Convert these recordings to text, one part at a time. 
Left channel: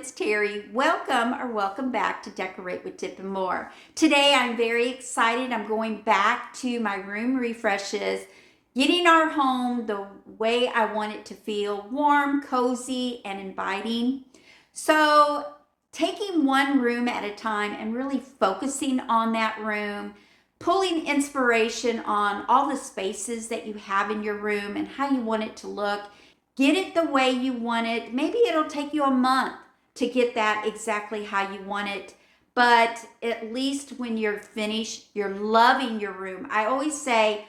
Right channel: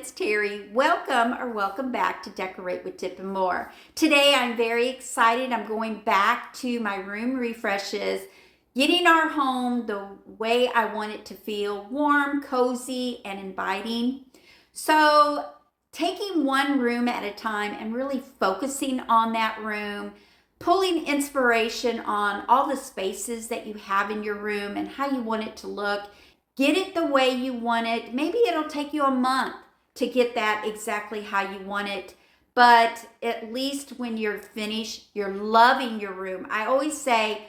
it's Terry. Welcome back to Decorate with Tip and More. Today I'm very excited. I'm going back to my room refreshes, getting our home the way I want it to feel, warm, cozy, and inviting. So taking one room at a time and really focusing on that room, pulling inspiration on all the spaces that you have in your room and how you want it to look. Get it the way you want it. Maybe it'll take you a month to get that exactly how you want it. But at least when you're finished, you're loving your room. I always say,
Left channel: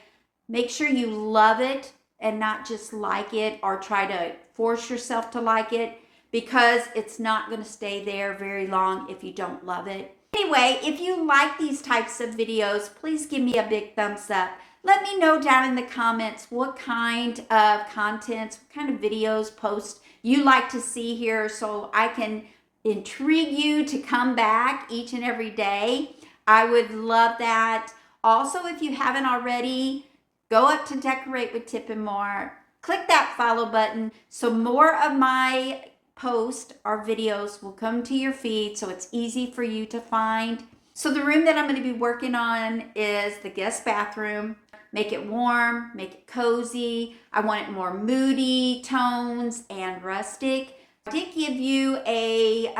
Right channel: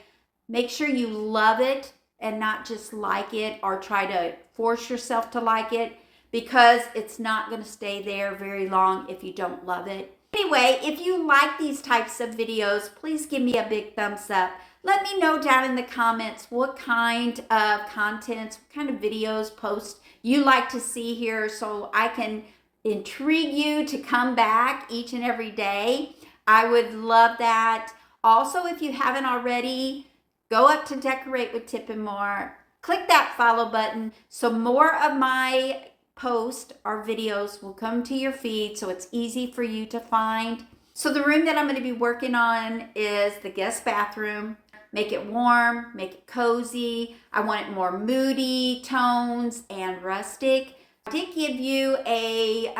make sure you love it and not just like it or try to force yourself to like it, because it's not going to stay there very long if you don't love it. Anyway, if you like these types of videos, please give me a big thumbs up. Let me know down in the comments what kind of contents, what kind of videos, posts you like to see here so I can intrigue you to come back each and every day. I would love that. Also, if you haven't already, go up to Decorate with Tip and More. Click that follow button so more of my posts or videos will come to your feed so it's easy for you to find. So the room that I'm going to be working on is the guest bathroom. Make it warm, make it cozy. I want it more moody tones and rustic. I did give you a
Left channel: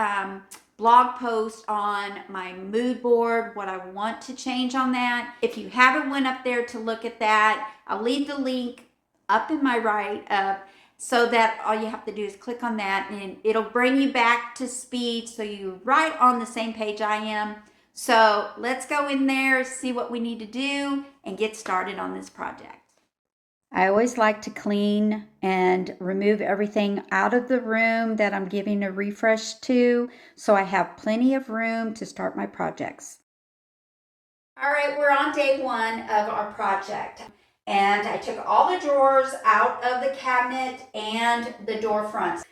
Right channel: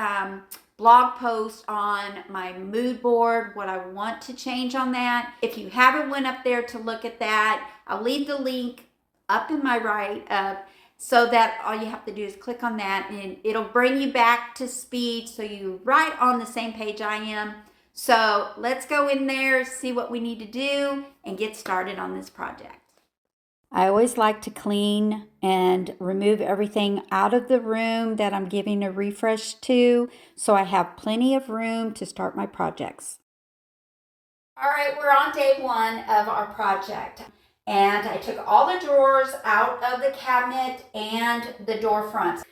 blog post on my mood board, what I want to change on that. If you haven't went up there to look at that, I'll leave the link up in my write-up so that all you have to do is click on that and it'll bring you back to speed so you're right on the same page I am. So let's go in there, see what we need to do, and get started on this project. I always like to clean and remove everything out of the room that I'm giving a refresh to, so I have plenty of room to start my projects. All right, we're on day one of our project. And I took all the drawers out of the cabinet and the door fronts.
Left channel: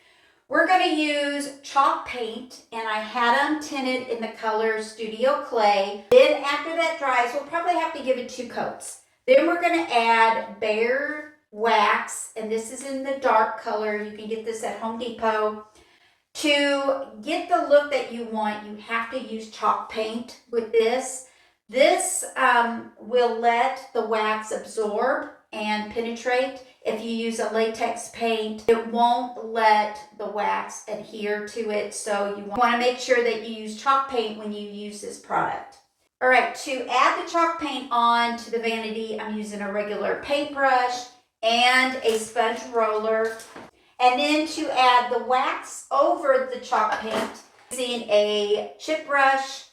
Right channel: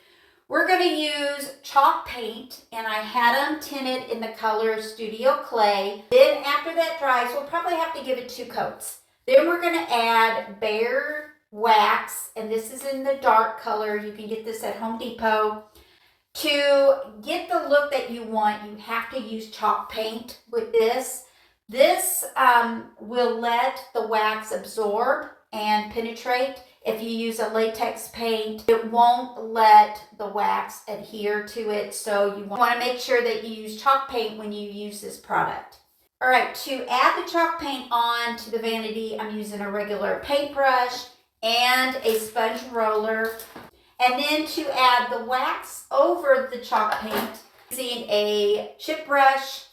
We're going to use chalk paint, and I had them tinted in the color Studio Clay. Then after that dries, we'll probably have to give it 2 coats. Then we're going to add Behr wax, and this is in the dark color. You can get this at Home Depot. To get the look that you want, you have to use chalk paint with this. This will let the wax absorb and penetrate. If you use a latex paint, it won't let the wax adhere to it. So you want to make sure that you use chalk paint when you use this product. All right, to add the chalk paint on to the vanity, I'm using a regular paintbrush and a sponge roller. And then to add the wax over the chalk paint, using a chip brush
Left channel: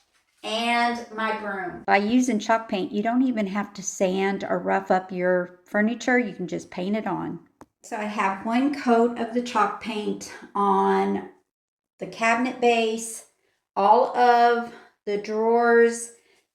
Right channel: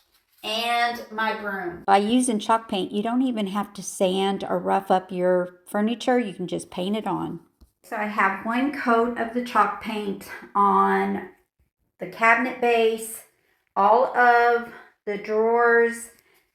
and my broom. By using chalk paint, you don't even have to sand or rough up your furniture. You can just paint it on. So I have 1 coat of the chalk paint on the cabinet base, all of the drawers,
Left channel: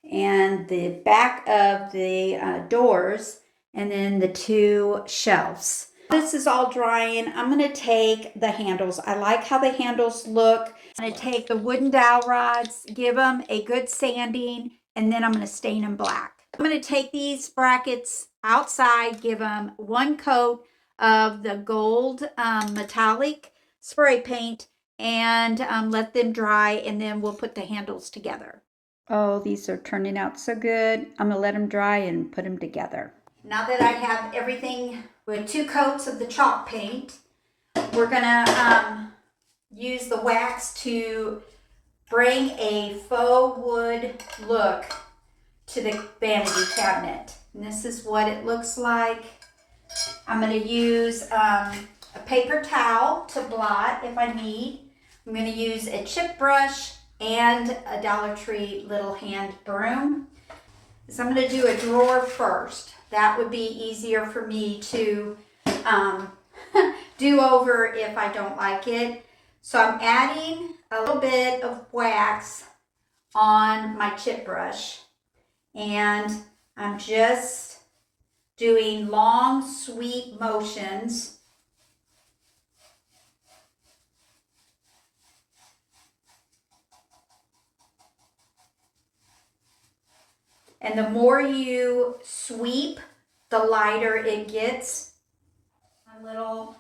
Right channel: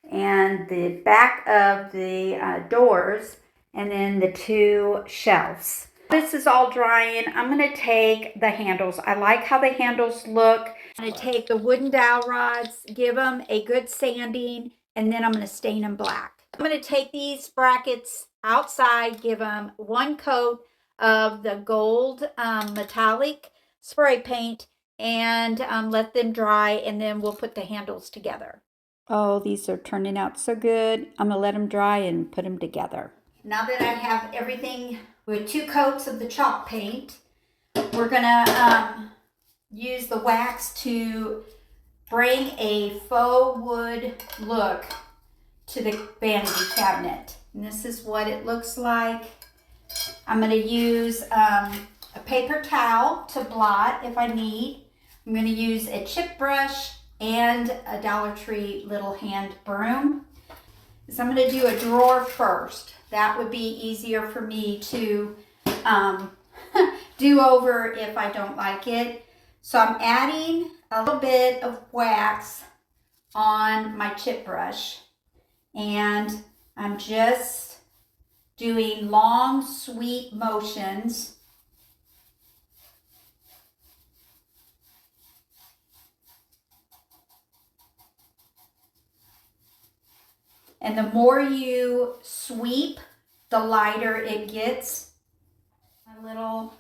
and the back of the doors, and then the 2 shelves. This is all drying. I'm going to take the handles. I like how the handles look. I'm going to take the wooden dowel rods, give them a good sanding, and then I'm going to stain them black. I'm going to take these brackets outside, give them 1 coat of the gold metallic spray paint, and let them dry, and then we'll put the handles together. Oh, these are turning out so good. I'm going to let them dry and put them together. Now that I have everything with 2 coats of the chalk paint, we're going to use the wax to bring a faux wood look to the vanity cabinet. And this is what it looks like. I'm going to use a paper towel to blot if I need. I'm going to use a chip brush and a Dollar Tree little hand broom. So I'm going to do a drawer first. That would be easier for me to do over if I don't like it. So I'm adding a little bit of wax on my chip brush, and I'm just doing long sweep motions. And the more you sweep, the lighter it gets. My little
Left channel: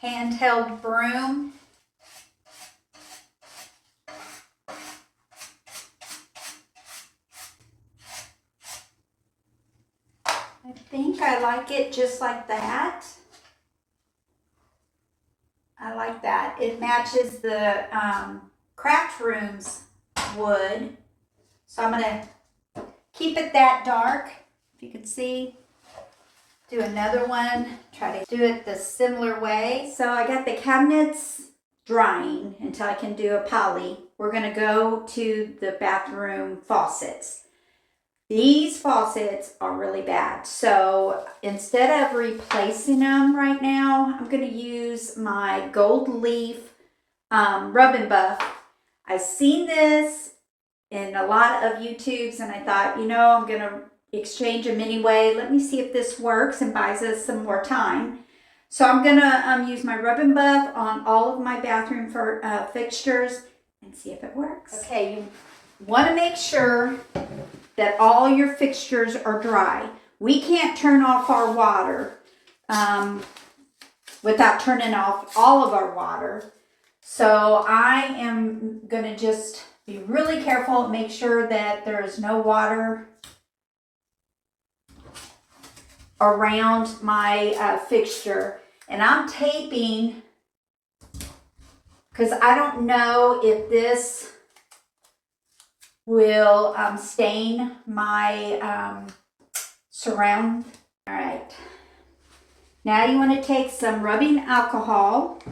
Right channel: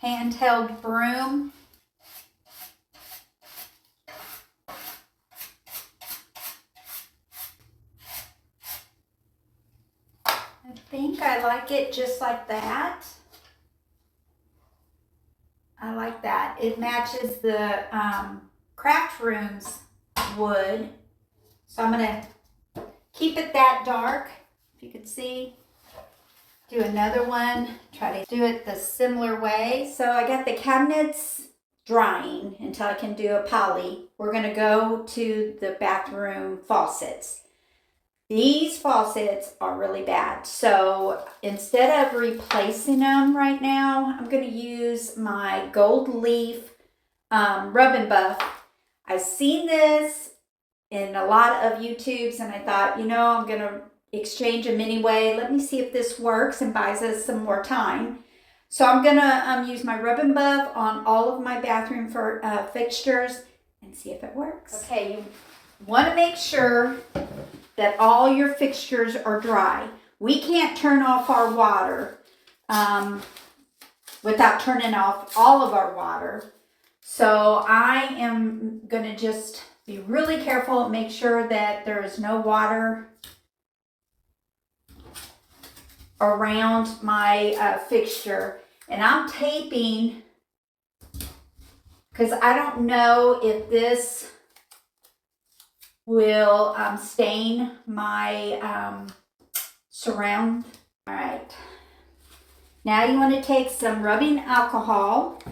handheld broom. I like it just like that. I like that. It matches the craft room's wood. So I'm going to keep it that dark, if you can see. Do another one, try to do it the similar way. So I got the cabinets drying until I can do a poly. We're going to go to the bathroom faucets. These faucets are really bad. So instead of replacing them right now, I'm going to use my Gold Leaf Rub and Buff. I've seen this in a lot of YouTubes and I thought, you know, I'm going to exchange them anyway. Let me see if this works and buys us some more time. So I'm going to use my Rub and Buff on all of my bathroom fixtures and see if it works. Okay, you want to make sure that all your fixtures are dry. We can't turn off our water without turning off all of our water. So I am going to just be really careful and make sure that there is no water around my fixture. And I'm taping because I don't know if this will stain my surround. All right. Now you want to take some rubbing alcohol,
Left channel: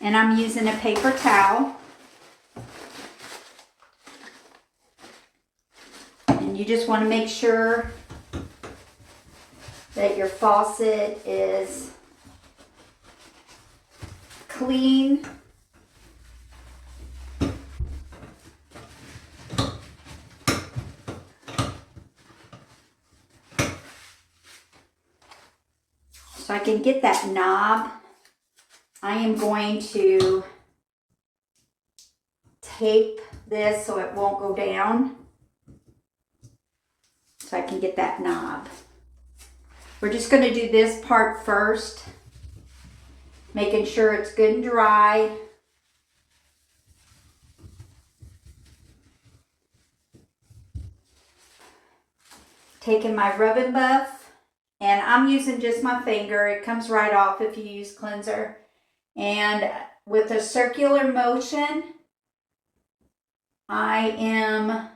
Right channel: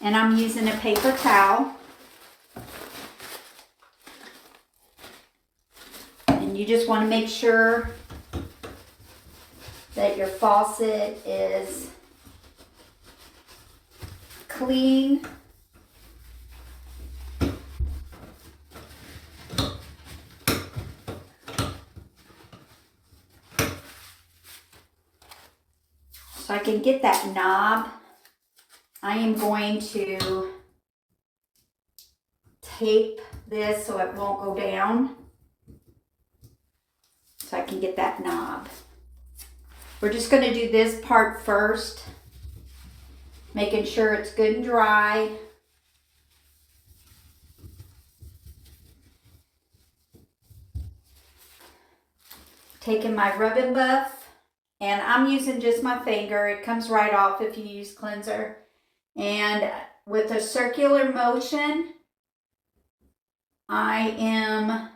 and I'm using a paper towel. And you just want to make sure that your faucet is clean. So I can get that knob. I am going to tape this so it won't go down. So I can get that knob. We're just going to do this part first, making sure it's good and dry. Taking my Rub and Buff, and I'm using just my finger. It comes right off if you use cleanser. And with a circular motion, I am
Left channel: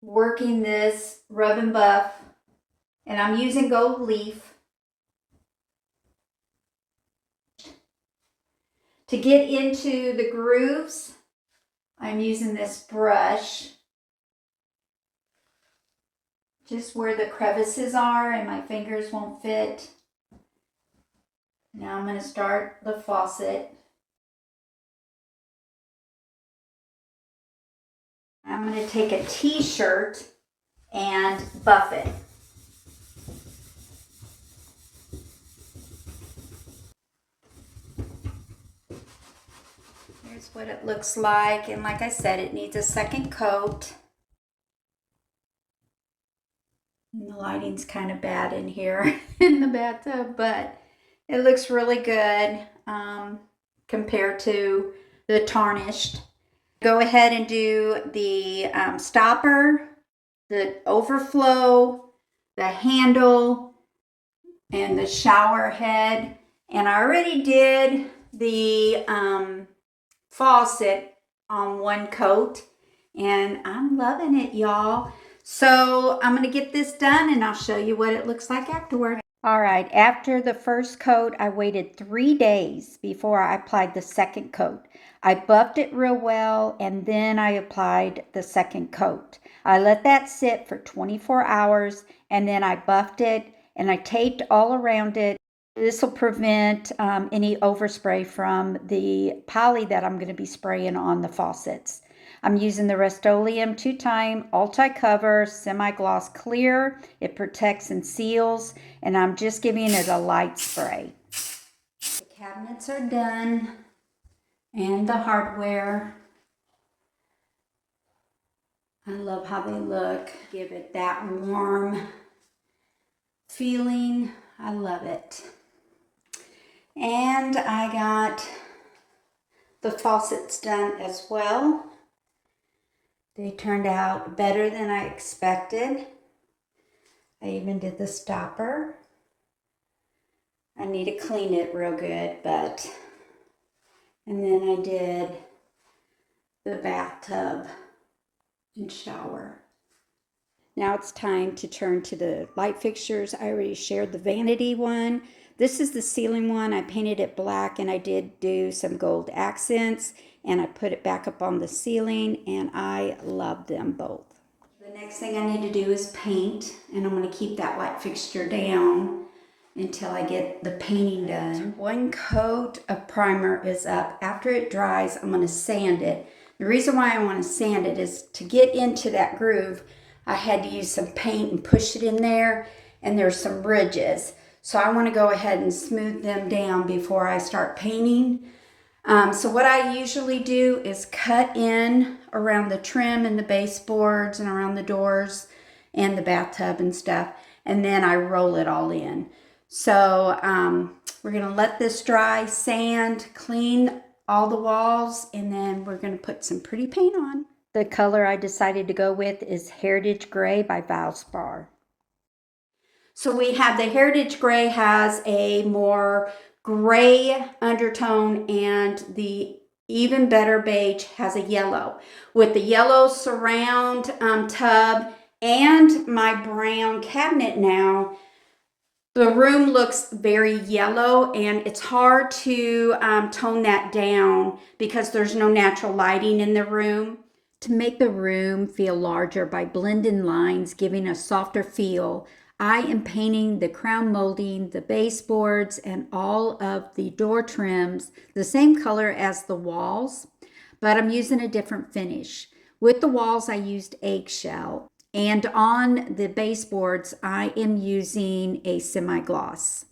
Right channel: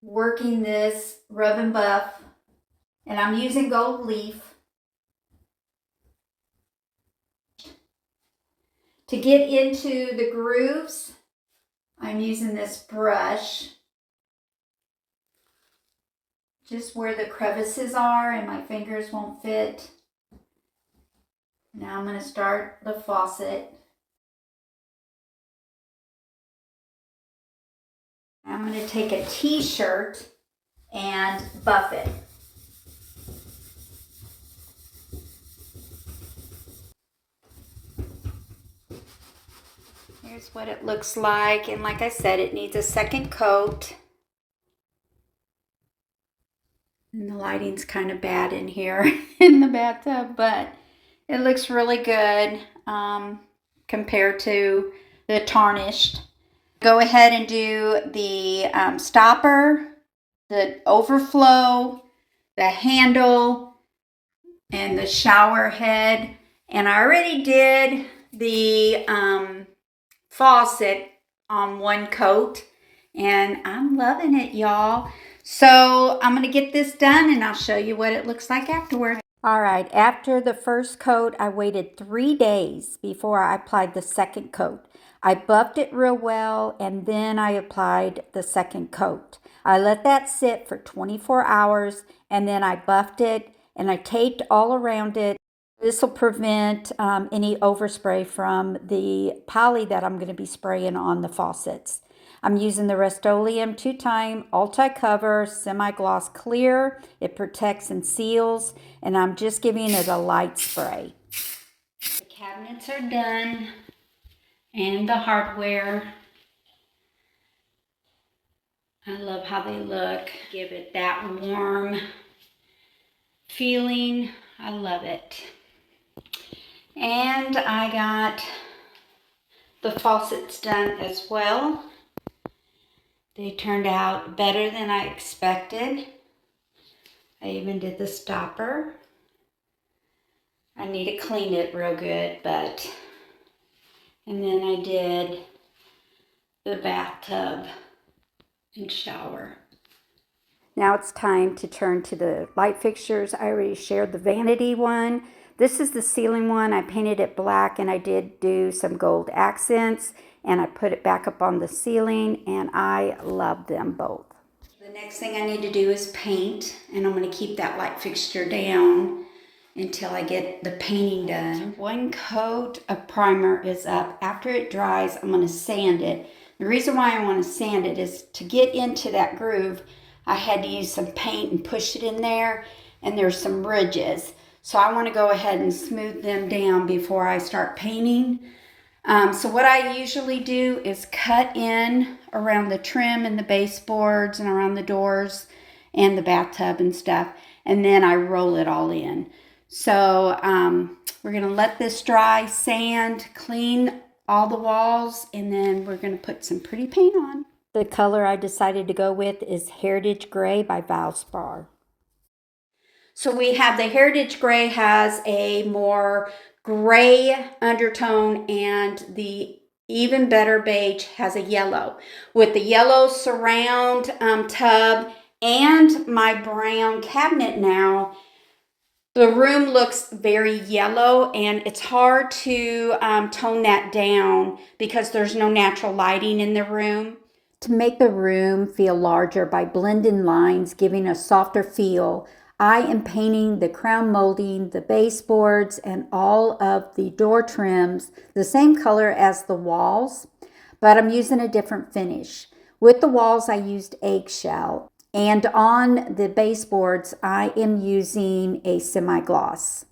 working this Rub and Buff, and I'm using Gold Leaf. To get into the grooves, I'm using this brush just where the crevices are and my fingers won't fit. Now I'm going to start the faucet. I'm going to take a t-shirt and buff it. Here's what it looks like, and like I said, it needs a second coat. And the lighting's kind of bad in here in the bathtub, but it looks really good compared to the tarnished. Go ahead and do the stopper, the overflow, the handle, and the shower head. And I already did the faucet on one coat, and I'm loving it, y'all. So I'm going to get this done and I'll show you what it looks like afterward. All right, after the first coat, I waited 3 days before I applied the second coat. I buffed it real well, and then I applied the second coat. I let that sit for 24 hours, and then I buffed it, and I taped all around it. This will prevent any overspray from the poly that I'm going to be spraying on the faucets. I'm using the Rust-Oleum 2-time Ulti-Cover Semi-Gloss Clear. It protects and seals, and I'm just giving it a light spray. The cabinets are done, and the hardware. I love how they look. Give it that warm feeling. I love it. And I got the faucets done as well. They turned out better than I expected. I even did the stopper. I need to clean it real good, and then I did the bathtub and shower. Now it's time to turn to the light fixtures. I already shared the vanity one. This is the ceiling one. I painted it black and I did do some gold accents and I put it back up on the ceiling and I love them both. The next thing I need to do is paint, and I'm going to keep that light fixture down until I get the painting done. One coat of primer is up. After it dries, I'm going to sand it. The reason why I want to sand it is to get into that groove, I had to use some paint and push it in there, and there's some ridges. So I want to go ahead and smooth them down before I start painting. So what I usually do is cut in around the trim and the baseboards and around the doors and the bathtub and stuff, and then I roll it all in. So we're going to let this dry, sand, clean all the walls, and then we're going to put some pretty paint on. The color I decided to go with is Heritage Gray by Valspar. So we have the Heritage Gray has a more gray undertone, and the Even Better Beige has a yellow. With the yellow surround tub and my brown cabinet now, the room looks very yellow, and it's hard to tone that down because there's no natural lighting in the room. To make the room feel larger by blending lines, giving a softer feel, I am painting the crown molding, the baseboards, and all of the door trims the same color as the walls, but I'm using a different finish. With the walls, I used eggshell, and on the baseboards, I am using a semi-gloss.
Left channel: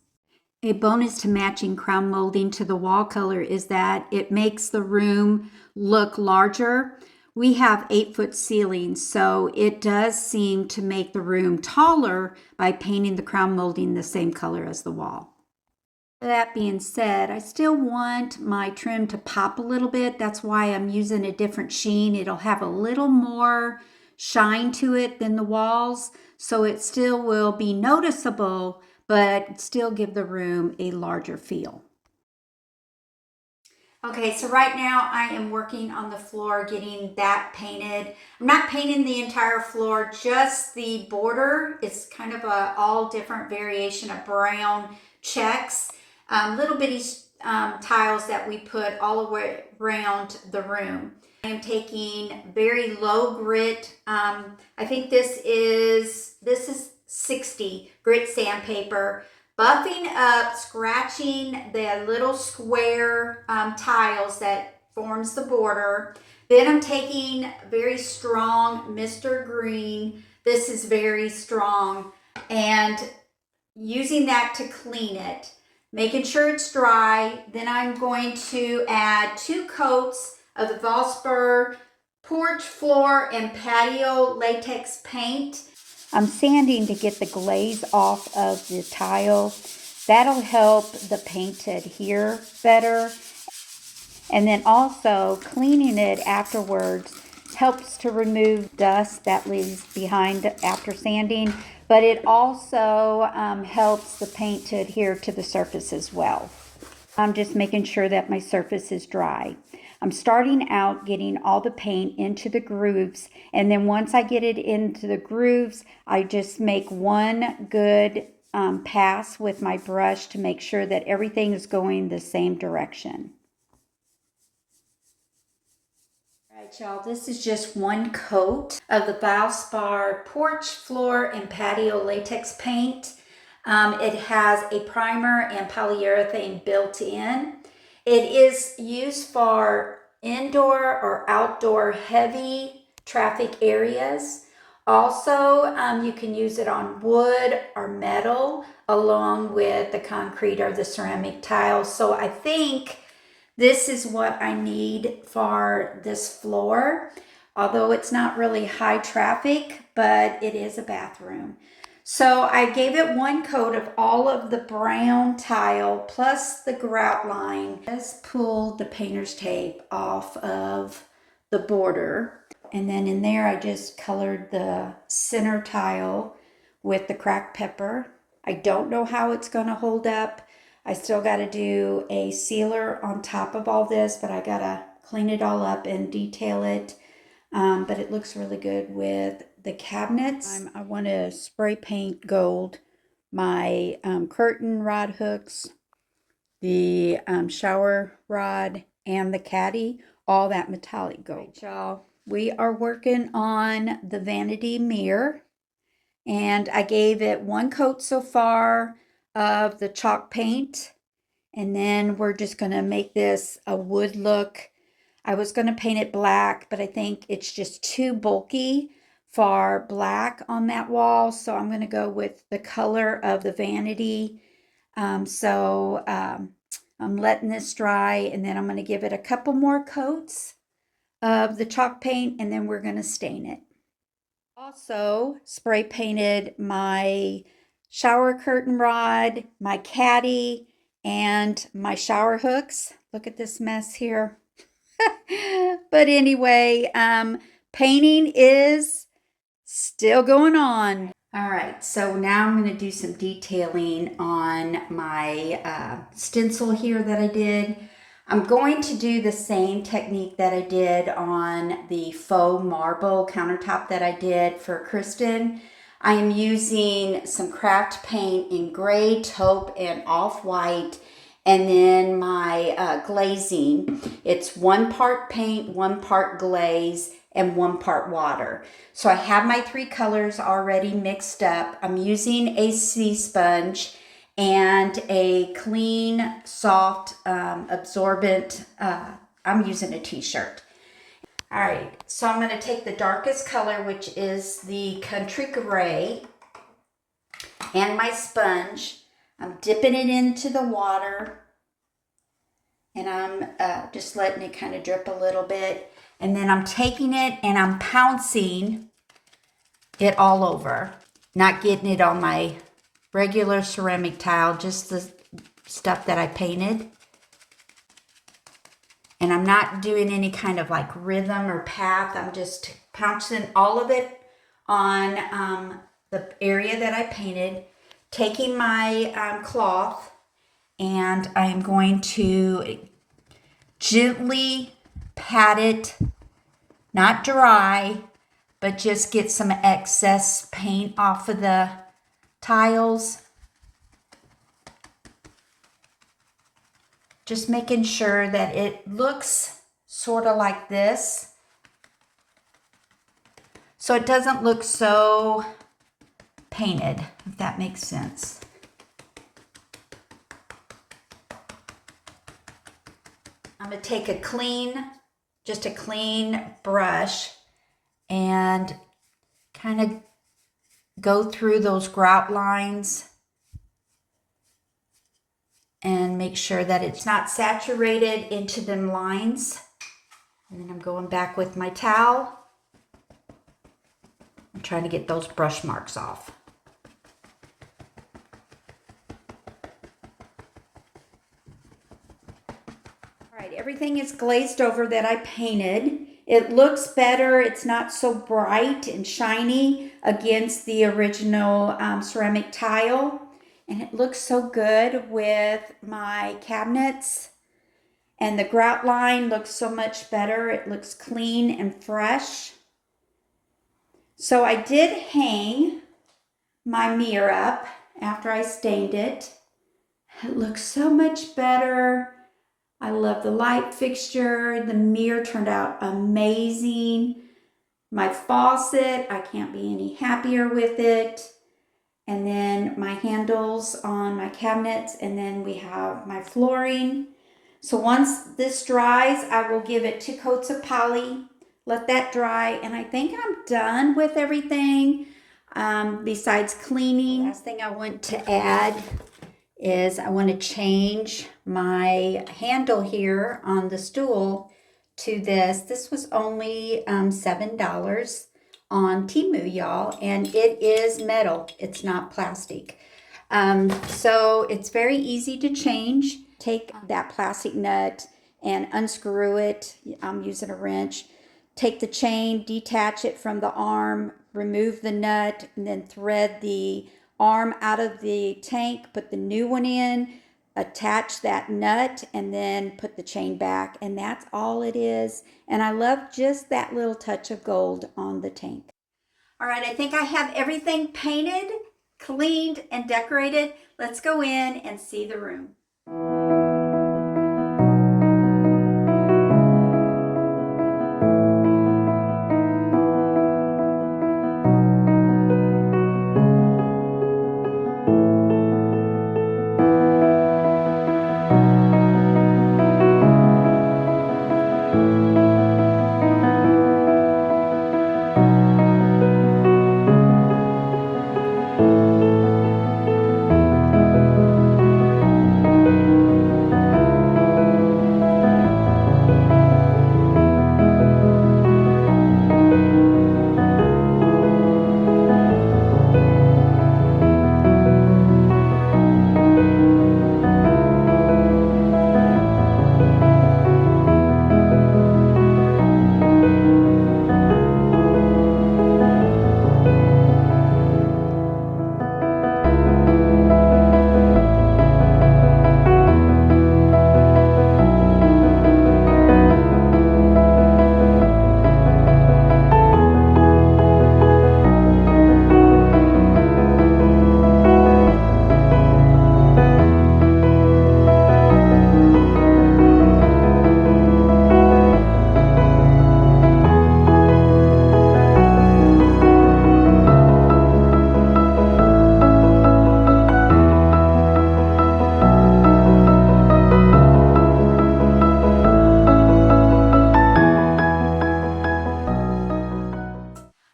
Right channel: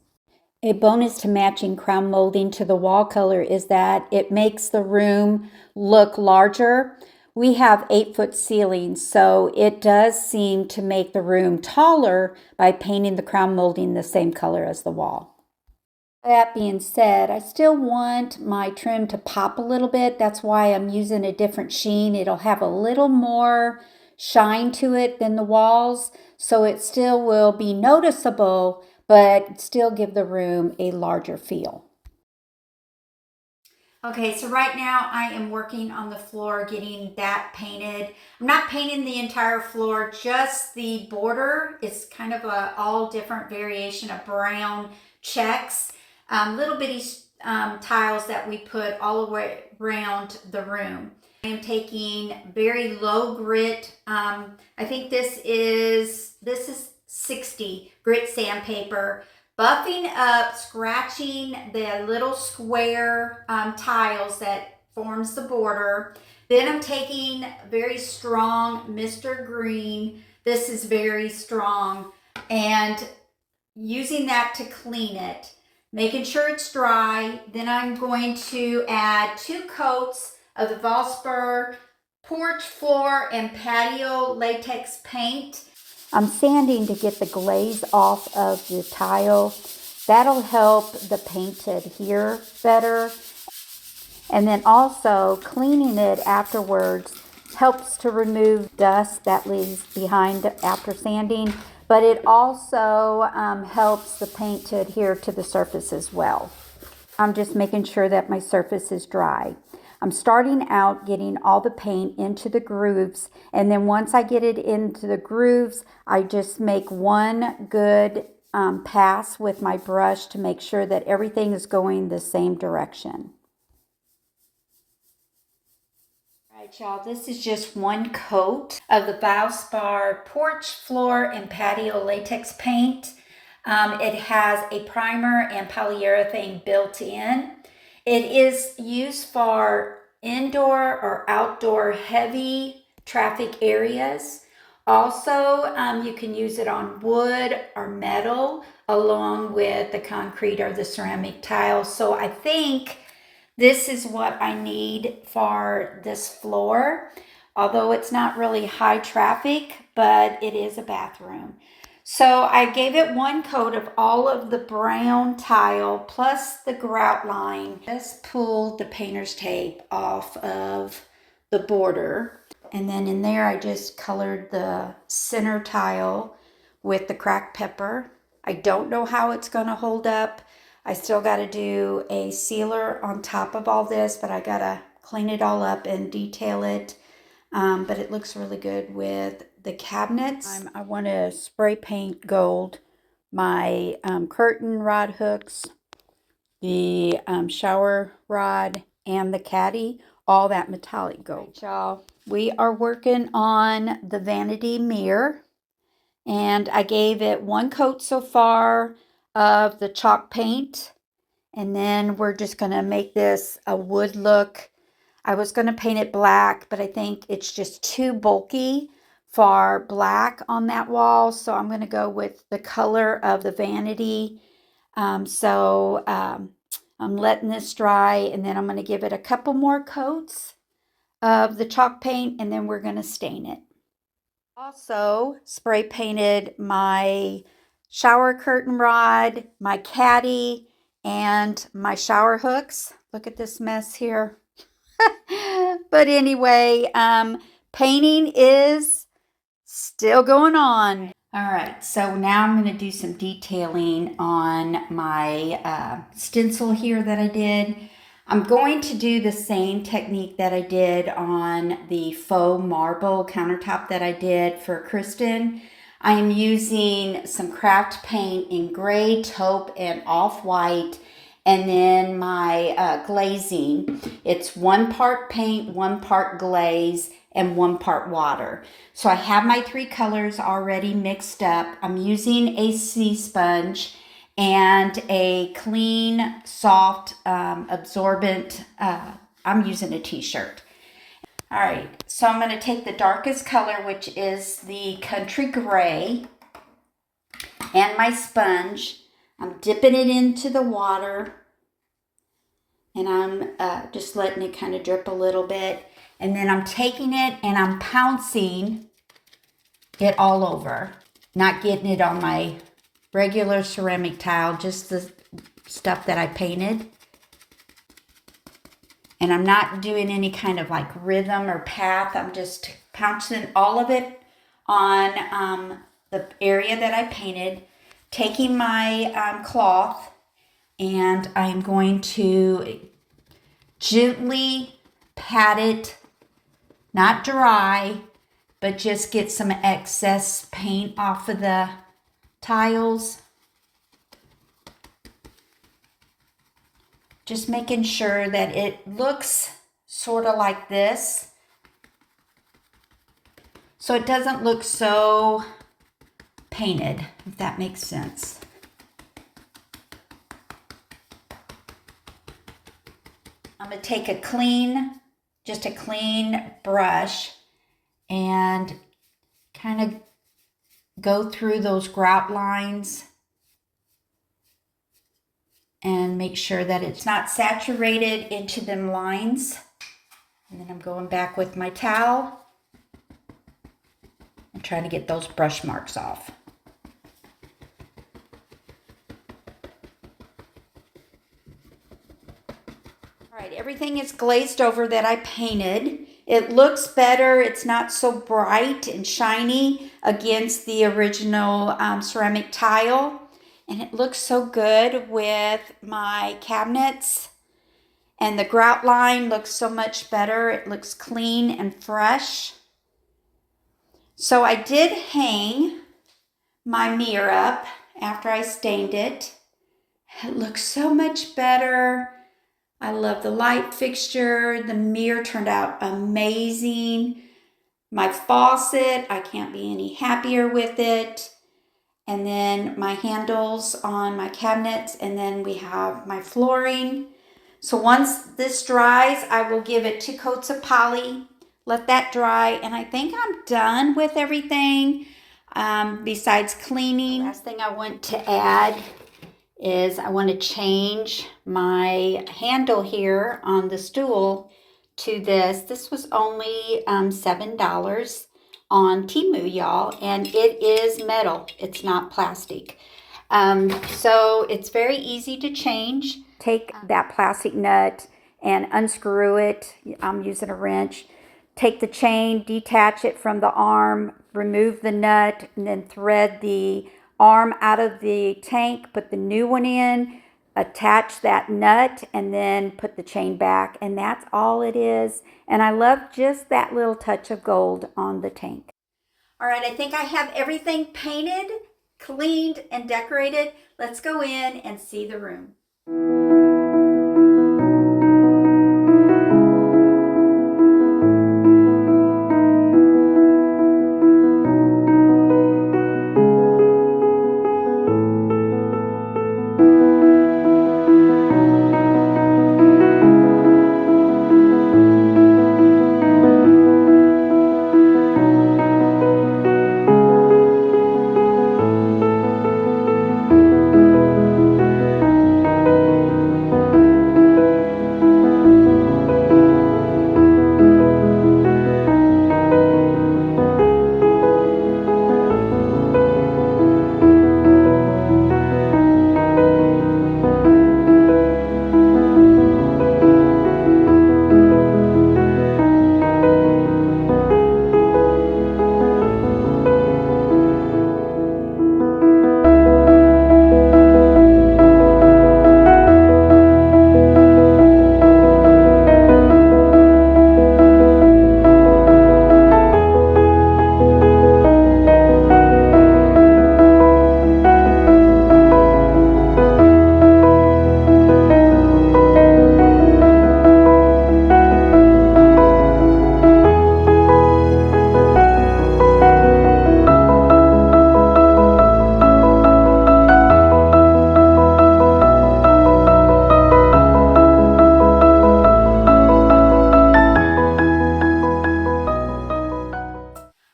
A bonus to matching crown molding to the wall color is that it makes the room look larger. We have 8-foot ceilings, so it does seem to make the room taller by painting the crown molding the same color as the wall. That being said, I still want my trim to pop a little bit. That's why I'm using a different sheen. It'll have a little more shine to it than the walls, so it still will be noticeable, but still give the room a larger feel. Okay, so right now I am working on the floor, getting that painted. I'm not painting the entire floor, just the border. It's kind of a all different variation of brown checks, little bitty tiles that we put all the way around the room. I am taking very low grit. I think this is 60 grit sandpaper, buffing up, scratching the little square tiles that forms the border. Then I'm taking very strong Mr. Green. This is very strong, and using that to clean it, making sure it's dry. Then I'm going to add 2 coats of the Valspar porch, floor, and patio latex paint. I'm sanding to get the glaze off of the tile. That'll help the paint to adhere better. And then also cleaning it afterwards helps to remove dust that leaves behind after sanding, but it also helps the paint to adhere to the surface as well. I'm just making sure that my surface is dry. I'm starting out getting all the paint into the grooves, and then once I get it into the grooves, I just make one good pass with my brush to make sure that everything is going the same direction. All right, y'all, this is just one coat of the Valspar porch, floor, and patio latex paint. It has a primer and polyurethane built in. It is used for indoor or outdoor heavy traffic areas. Also, you can use it on wood or metal along with the concrete or the ceramic tiles. So I think this is what I need for this floor, although it's not really high traffic, but it is a bathroom. So I gave it one coat of all of the brown tile plus the grout line. Just pulled the painter's tape off of the border. And then in there I just colored the center tile with the cracked pepper. I don't know how it's going to hold up. I still got to do a sealer on top of all this, but I got to clean it all up and detail it. But it looks really good with the cabinets. I want to spray paint gold my curtain rod hooks, the shower rod, and the caddy, all that metallic gold. Right, y'all, we are working on the vanity mirror, and I gave it one coat so far of the chalk paint, and then we're just going to make this a wood look. I was going to paint it black, but I think it's just too bulky for black on that wall, so I'm going to go with the color of the vanity. I'm letting this dry, and then I'm going to give it a couple more coats of the chalk paint, and then we're going to stain it. Also spray painted my shower curtain rod, my caddy, and my shower hooks. Look at this mess here. But anyway, painting is still going on. All right, so now I'm going to do some detailing on my stencil here that I did. I'm going to do the same technique that I did on the faux marble countertop that I did for Kristen. I am using some craft paint in gray, taupe, and off-white, and then my glazing. It's 1 part paint, 1 part glaze, and 1 part water. So I have my 3 colors already mixed up. I'm using a sea sponge and a clean, soft, absorbent, I'm using a t-shirt. All right, so I'm gonna take the darkest color, which is the country gray, and my sponge. I'm dipping it into the water, and I'm just letting it kind of drip a little bit. And then I'm taking it and I'm pouncing it all over, not getting it on my regular ceramic tile, just the stuff that I painted. And I'm not doing any kind of like rhythm or path. I'm just pouncing all of it on the area that I painted, taking my cloth, and I'm going to gently pat it, not dry, but just get some excess paint off of the tiles. Just making sure that it looks sort of like this, so it doesn't look so painted, if that makes sense. I'm going to take just a clean brush and kind of go through those grout lines and make sure that it's not saturated into them lines. And then I'm going back with my towel and trying to get those brush marks off. All right, everything is glazed over that I painted. It looks better. It's not so bright and shiny against the original ceramic tile. And it looks so good with my cabinets. And the grout line looks so much better. It looks clean and fresh. So I did hang my mirror up after I stained it. It looks so much better. I love the light fixture. The mirror turned out amazing. My faucet, I can't be any happier with it. And then my handles on my cabinets, and then we have my flooring. So once this dries, I will give it 2 coats of poly, let that dry, and I think I'm done with everything besides cleaning. The last thing I want to add is I want to change my handle here on the stool to this. This was only $7 on Temu, y'all, and it is metal. It's not plastic. So it's very easy to change. Take that plastic nut and unscrew it. I'm using a wrench take the chain, detach it from the arm, remove the nut, and then thread the arm out of the tank, put the new one in, attach that nut, and then put the chain back. And that's all it is. And I love just that little touch of gold on the tank. All right, I think I have everything painted, cleaned, and decorated. Let's go in and see the room.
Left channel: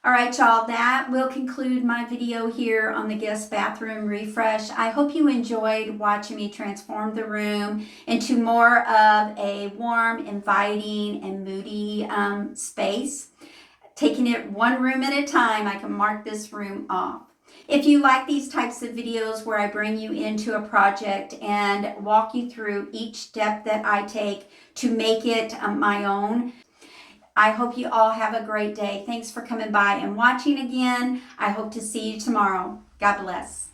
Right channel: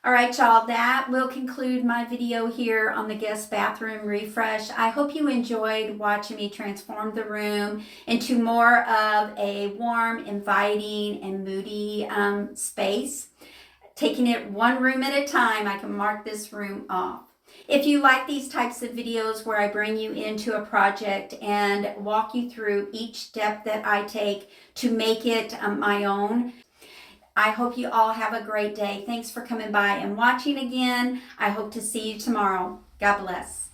All right, y'all, that will conclude my video here on the guest bathroom refresh. I hope you enjoyed watching me transform the room into more of a warm, inviting, and moody space. Taking it one room at a time, I can mark this room off. If you like these types of videos where I bring you into a project and walk you through each step that I take to make it my own, I hope you all have a great day. Thanks for coming by and watching again. I hope to see you tomorrow. God bless.